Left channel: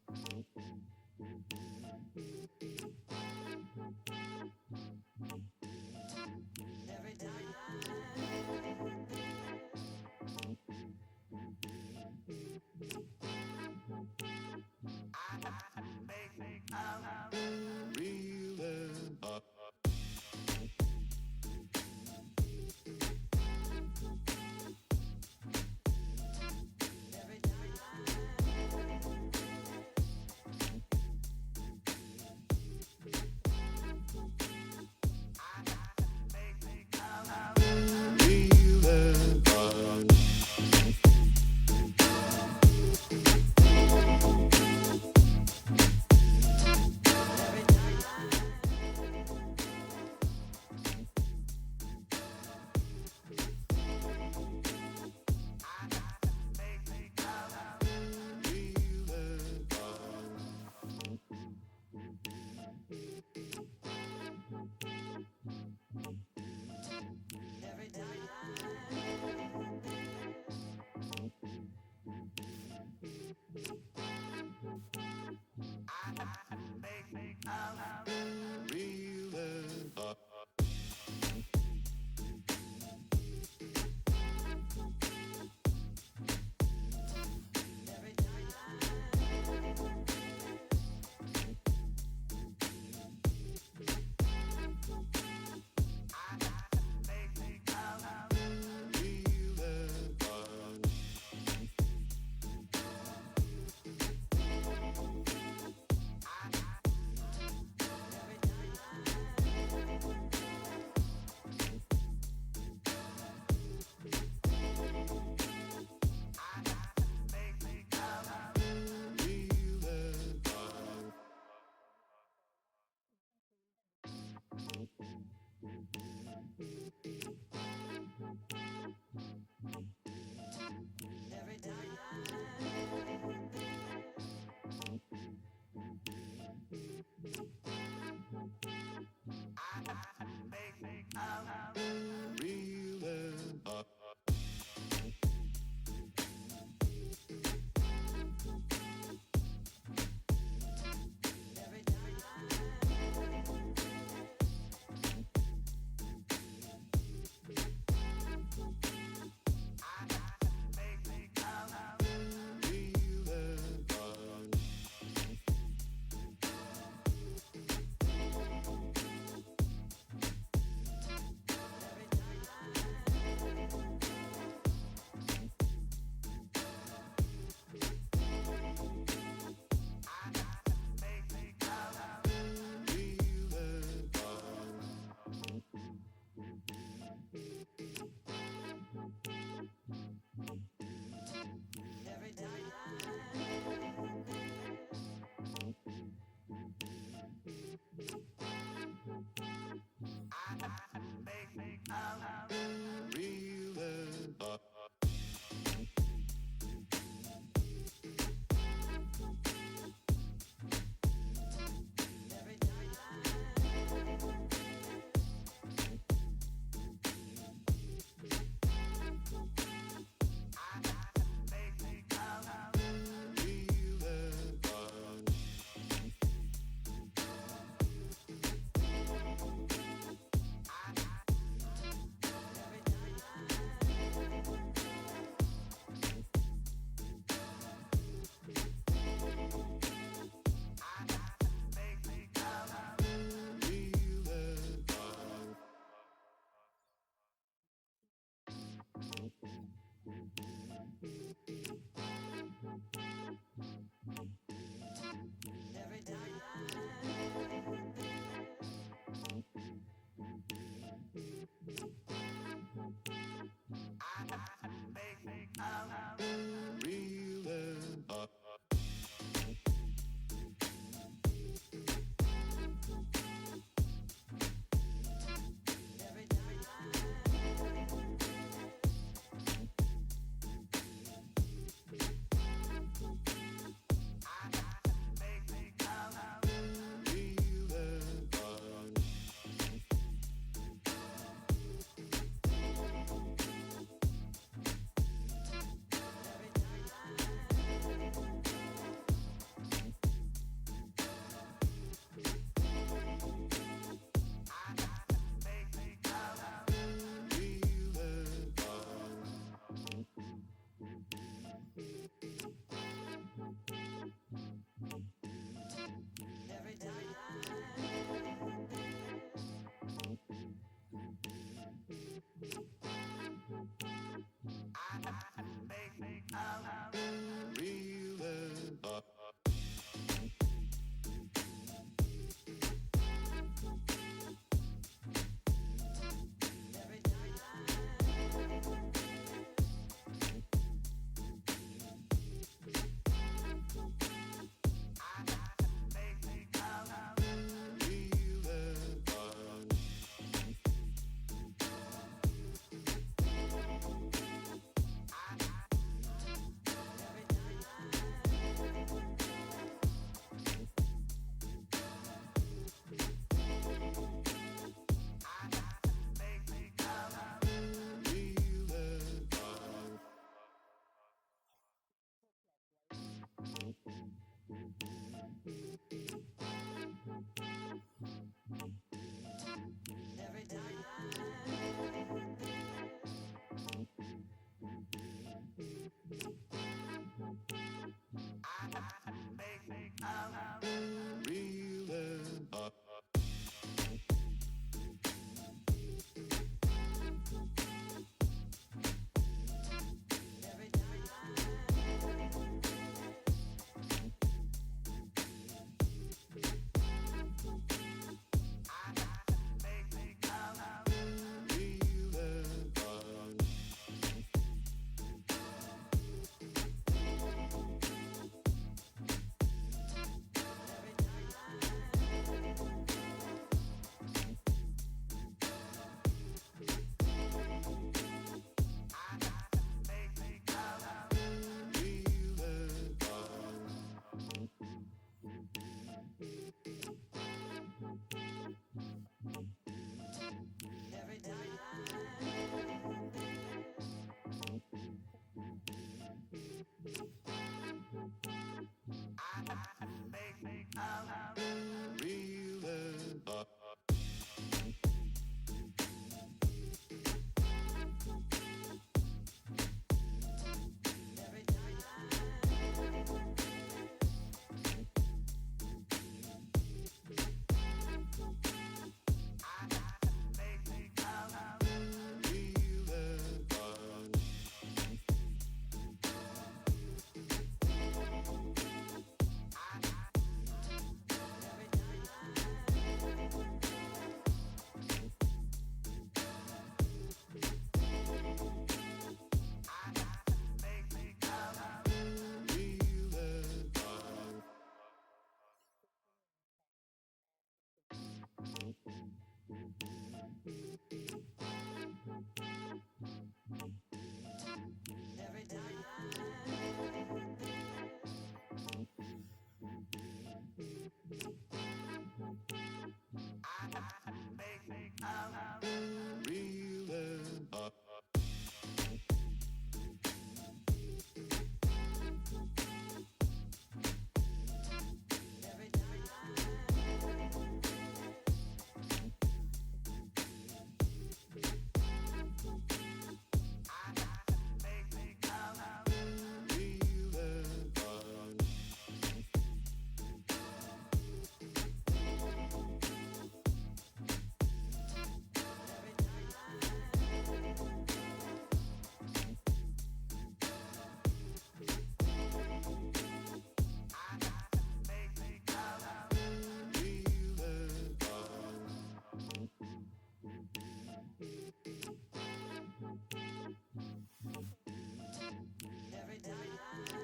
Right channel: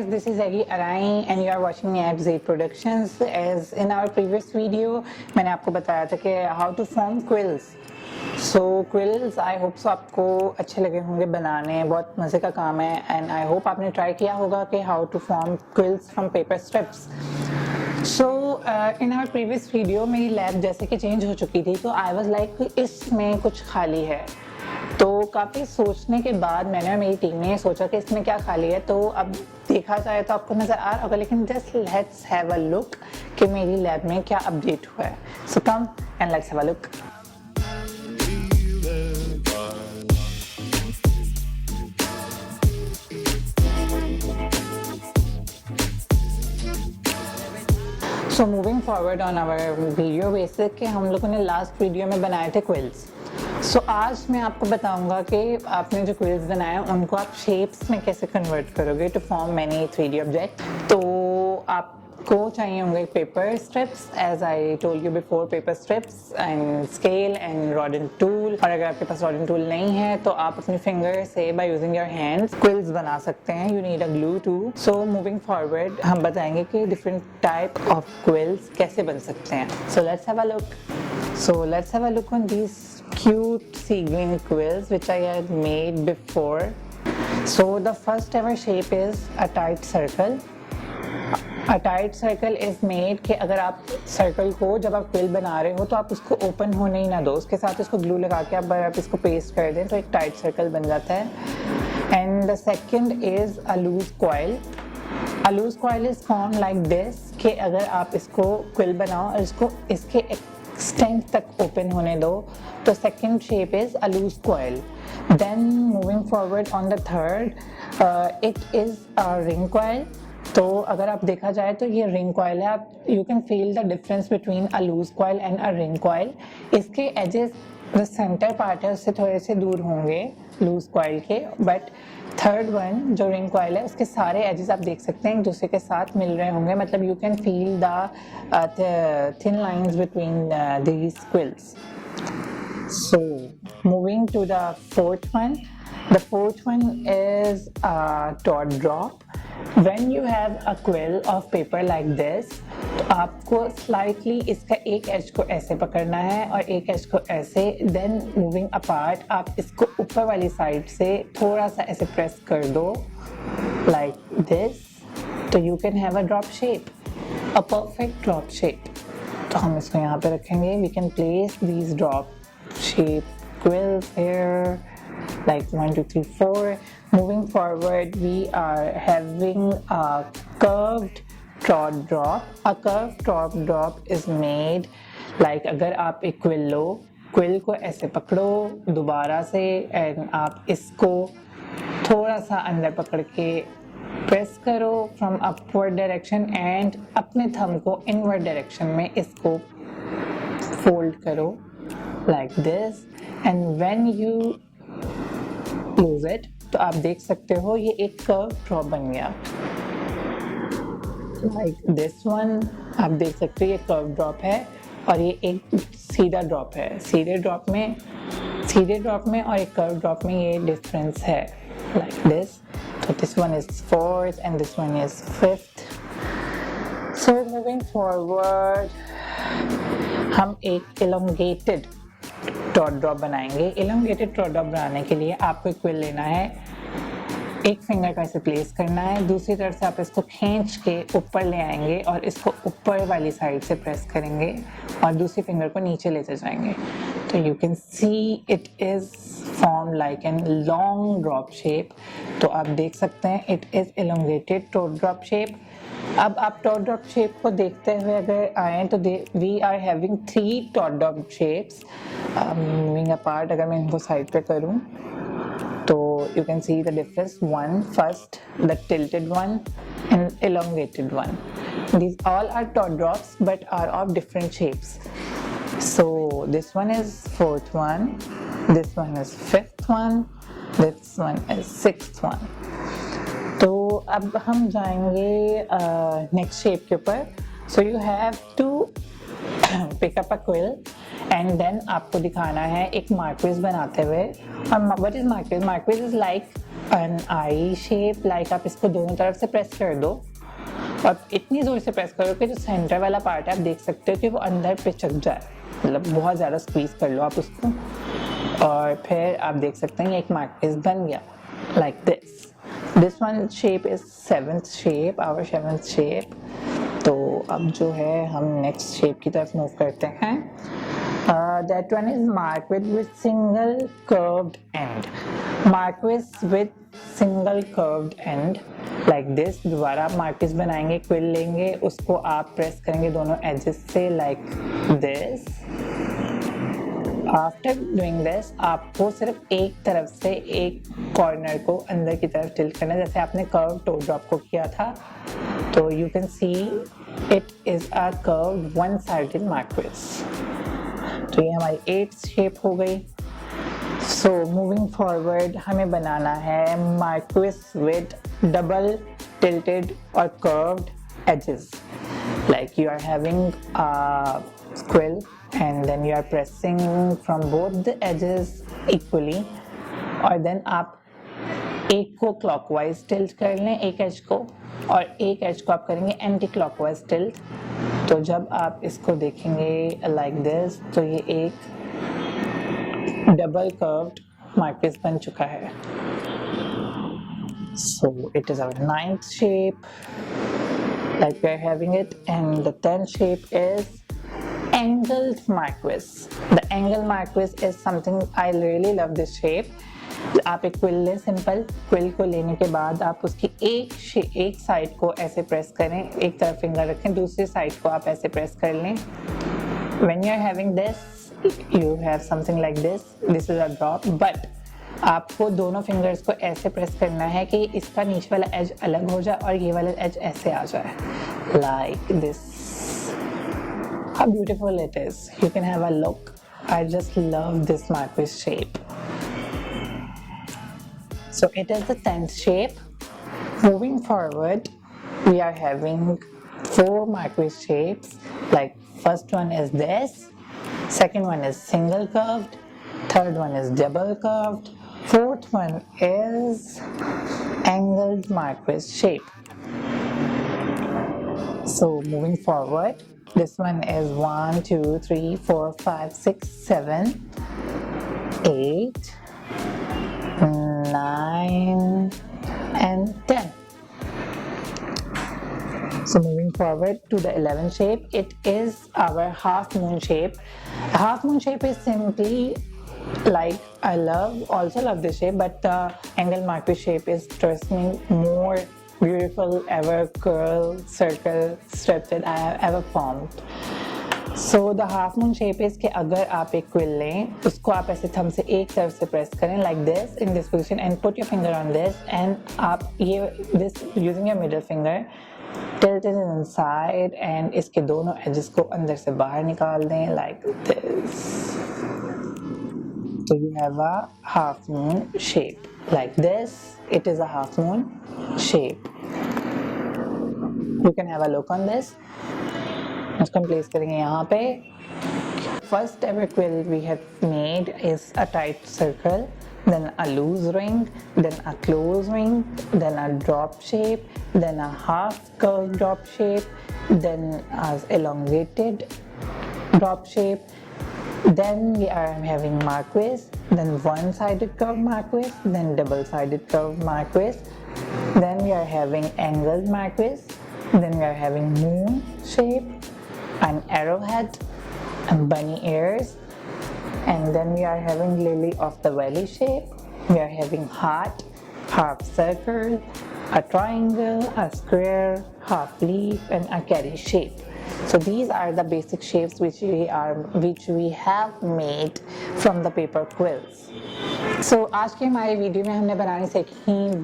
guys, this is Egi Arai and you are watching me at Z Productions. As in our previous video, मैंने आपको बताया था कि how to form quills. So quills, I hope so आपको अच्छे लगे होंगे बनाने, बहुत मज़े का काम है and I hope आपने try किया होगा कि how to form quills from paper strips. So in our previous video मेरी लैब जैसे कि चेंज हो चुकी थी तो I was like इसमें कुछ खाली है. तो काफ़ी सोचने के बाद मैंने और मेरी टीम ने सोचा कि इसमें क्या खाली है. तो अब देखा जाए तो आपको नज़र आ रहा होगा, लेकिन just let's have a look कि मेरी लैब में क्या अपडेट हुआ है. So come and let's have a look. So moving forward on our video basic के हम लोगों ने लास्ट वीडियो में बनाए थे क्विल्स. सो आज मैं आपको बताऊंगा कि आपने जो क्विल्स बनाए हैं उनको आप शेप्स में कैसे कन्वर्ट करोगे to form many 3D object. तो आपको चाहिए होंगे paper strips, as I told you before, paper strips and scale and rod and tool. और अगर आपके पास रॉड एंड टूल नहीं है तो आप अपनी फिंगर से by using your hands quills बना सकते हैं. You need a glue too. So moving forward हम बताएंगे कि डिफरेंट टाइप ऑफ क्विल्स कैसे बन सकते हैं. So let's have a look on these cute sea green quills which I had made before. So the first ever shape is a tight circle. A tight circle is made कि अगर आप circle को जब आप quill बना रहे हो तो आप उसको ओपन होने ही ना दो, उसके साथ इसको ग्लू लगा के आप इसको पेस्ट कर दें तो एक टाइट सर्कल बन जाता है. And the second is a loose coil. A loose coil is formed like this कि अगर आप इसको क्विल बनाओ और इसको इसके एक्सटेंट तक ओपन होने दो तो second shape is a loose coil. Then moving forward on the third it is a ring coil. तो अगर आप देखा जाए तो ये रिंग कॉइल है. आप you can feel the difference between a loose coil and a ring coil. इसके एजेस जो सेंटर पार्ट है उससे थोड़े से दूर होंगे लूज कॉइल के, बट थर्ड वन जो रिंग कॉइल है उसके सारे एजेस आप देख सकते हैं एक दूसरे के साथ मिल रहे होंगे. मतलब you can feel the thin lines between these quills. So moving to the fourth one. The fourth one is a dot drop. When you have a quill of paper like this, तो आपको slightly इसका एक as को ऐसे पकड़ना है और एक एज को ऐसे. Then moving apart आप इसको ऊपर वाली साइड से थोड़ा सा ऐसे प्रेस कर दो like this. तो you can have a drop shape, a perfect drop shape. तो हम इसको यहाँ पे रखेंगे. We can place these drop shape quills here like 1 2 3 4. Moving forward we are having a curved top drop. A curved top drop is made like अगर आप एक quill लो, quill को ऐसे पकड़ो दोबारा से एंड आप इसको थोड़ा सा अंदर पकड़ के प्रेस करो फ्रॉम अपवर्ड डायरेक्शन एंड अपने थंब को इनवर्ड डायरेक्शन में इसको फोल्ड करो like this. And when you close it तो आप देख सकते हो ये एक कर्व ड्रॉप बन गया like this one. आप देख सकते हो ये कर्व ड्रॉप है और ये एक सीधा ड्रॉप है. सीधे ड्रॉप में और एक कर्व ड्रॉप में ये डिफरेंस है like this. So this one is fourth and this one is fifth. So moving forward हम एक elongated डॉट ड्रॉप बनाएंगे. इलोंगेटेड डॉट ड्रॉप बनाने के लिए आपको एक क्विल लेना है, एक फिंगर का इसे प्लेस करना है, दूसरी तरफ से आप इसको खींच के ऊपर ले आएंगे और इसको ऊपर वाली साइड से प्रेस करेंगे और दूसरी फिंगर को नीचे लेते जाएंगे. तो you can see it is form like an long drop shape. तो आप देख सकते हैं it is elongated dot drop shape. अब आप डॉट ड्रॉप शेप को देखते हुए अगर आएँ तो we are having 3 dot drop shapes. Moving apart अगर मैं इनको साइड पे करूँ तो you can see the difference. One first, the tilted one and elongated one. These all are dot drops but are of different shapes. So this one is fourth one, this one is fifth one, this one is sixth one. तो अब हम जाएंगे next shape के ऊपर. So you have to pick up a quill and then आपको दिखाना है एक मार्क्विज बनाते हुए. और what is marquise? Marquise is like an eye shape, like आप इसको दोनों तरफ से प्रेस कर दो और इतनी जोर से प्रेस करो कि जो सेंटर वाला पार्ट है आप देख सकते हो कि वो अंदर पिचक जाए, मतलब बहुत ज़्यादा स्क्वीज कर लो आप उसको, और फिर आप देख सकते हैं एक मार्क पीस बन गया like this one shape is seventh shape, our seventh shape. तो अब जो है हम नेक्स्ट शेप की तरफ मूव करते हैं। That one is marquise with single curved end. Marquise with single curved end like this। दोबारा आप marquise बनाएंगे, quill लेंगे, उसको आप प्रेस करेंगे दोनों edges से like this। After doing this आपको सिर्फ एक तरफ से एक कॉर्नर को अंदर की तरफ टिल्ट करना है, जैसे आपने कर्व टो ड्रॉप को किया था। तो you can see it is a curve one sided marquise. तो ये हमारी 8th शेप हो गई। सो मूविंग फॉरवर्ड हमें बनाना है मार्क्विस विद डबल टिल्टेड और curved edges, like you are having a quill and then you are pressing from both the edges equally, और then आप एक को clockwise tilt कर लें एक एज को, और एक एज को आप करेंगे एंटी क्लॉकवाइज टिल्ट। तो जब आप इसको देखेंगे like this तो ये एक डबल कर्व्ड मार्क्विस बन चुका है। So it is our 9th shape like we are having it, and the 10th shape is angled marquise. The angled marquise is something I really love this shape। आप एक quill लें, simple quill को लेने के बाद आप उसकी एक साइड को ऐसे प्रेस करें, एक तरफ फिंगर रखें, दूसरी साइड को आप ऐसे प्रेस कर लें। When you are having this you have something like this, this is a drop, but आपको दोनों फिंगर्स को ऐसे प्रेस करना है कि इसका नीचे वाला एज अलग हो जाए और ये वाला एज ऐसे आ जाए like this। How beautiful it is, you can have a look। I just love this marquise shape। So it is the 10th shape। Moving forward we are having 4 marquise shapes, like first one is this, second one is single curved, third one is double curved, fourth one is angled marquise shape। So moving forward, this one is 1 2 3 4 5 6 7 8 9 and 10। So moving forward to the 11th shape, it is our half moon shape। Half moon shape is simply like I also love this shape, but the angle marquise shape is, trust me, more beautiful ever curl circle scripted I have ever formed। So the half moon shape is कि अगर आप एक quill लें, उसको आप ऐसे thumb से एक तरफ से प्रेस करें like this in this position and put your finger on this, and आप ये this using your middle finger tilt it inside and इसके दोनों edges को अंदर से बाहर निकाल दें like this। So you have a half moon shape like this। It is a half moon shape। You can have a look on this। इसको हम प्लेस करेंगे यहाँ पे। First ever quill we have made is a tight circle, then a loose ring, then a close ring, then a drop shape, then a half curved drop shape, then as elongated drop shape, then we are having marquise, then one-sided curved marquise, then double-sided curved marquise, then we are having angled marquise, then we are having moon shape, an arrowhead, and bunny ears, and then we are having lily of the valley shape, we are having heart, half circle, a triangle, a square, half leaf, and a carry shape। So these are the basic shapes which we have made from the paper quills। So आज के हमारे video में हमने बनानी सीखी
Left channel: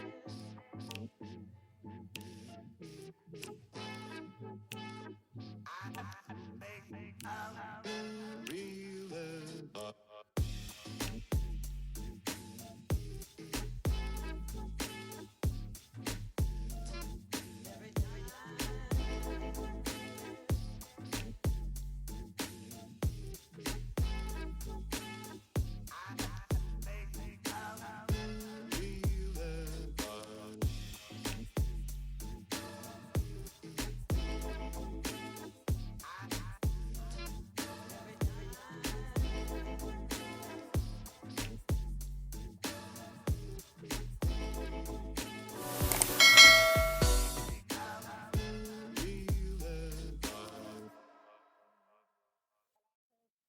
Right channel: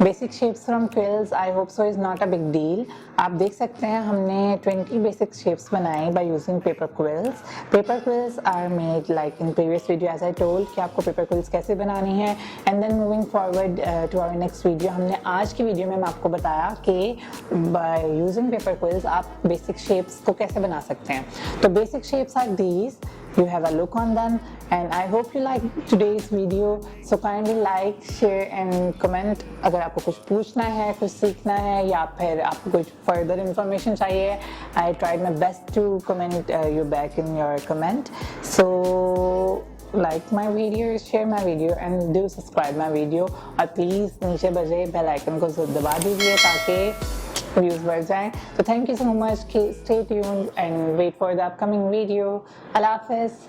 basic shapes from quills. I hope so is not a big deal. आप देख सकते हैं हमने 20 बेसिक शेप्स बनाए by using paper quills. Paper quills are made like in previous video as I told कि आपको पेपर क्विल्स कैसे बनानी है। And then moving forward to our next video, हमने आज की वीडियो में मैं आपको बताया कि बाय यूजिंग पेपर क्विल्स आप बेसिक शेप्स को कैसे बना सकते हैं। तो basic shapes are these, you have a look on them, and I hope you like today's video. So kindly like, share and comment. अगर आपको कुछ पूछना है, कुछ सीखना है या फिर आपको कुछ further information चाहिए, I tried my best to comment you back in your comment. So like my video, share my video and do subscribe my video. और please नीचे बजे बेल आइकन को जरूर दबा दीजिए ताकि views बढ़ जाएं. So thank you so much. Stay tuned and wait for the upcoming video. Allah Hafiz.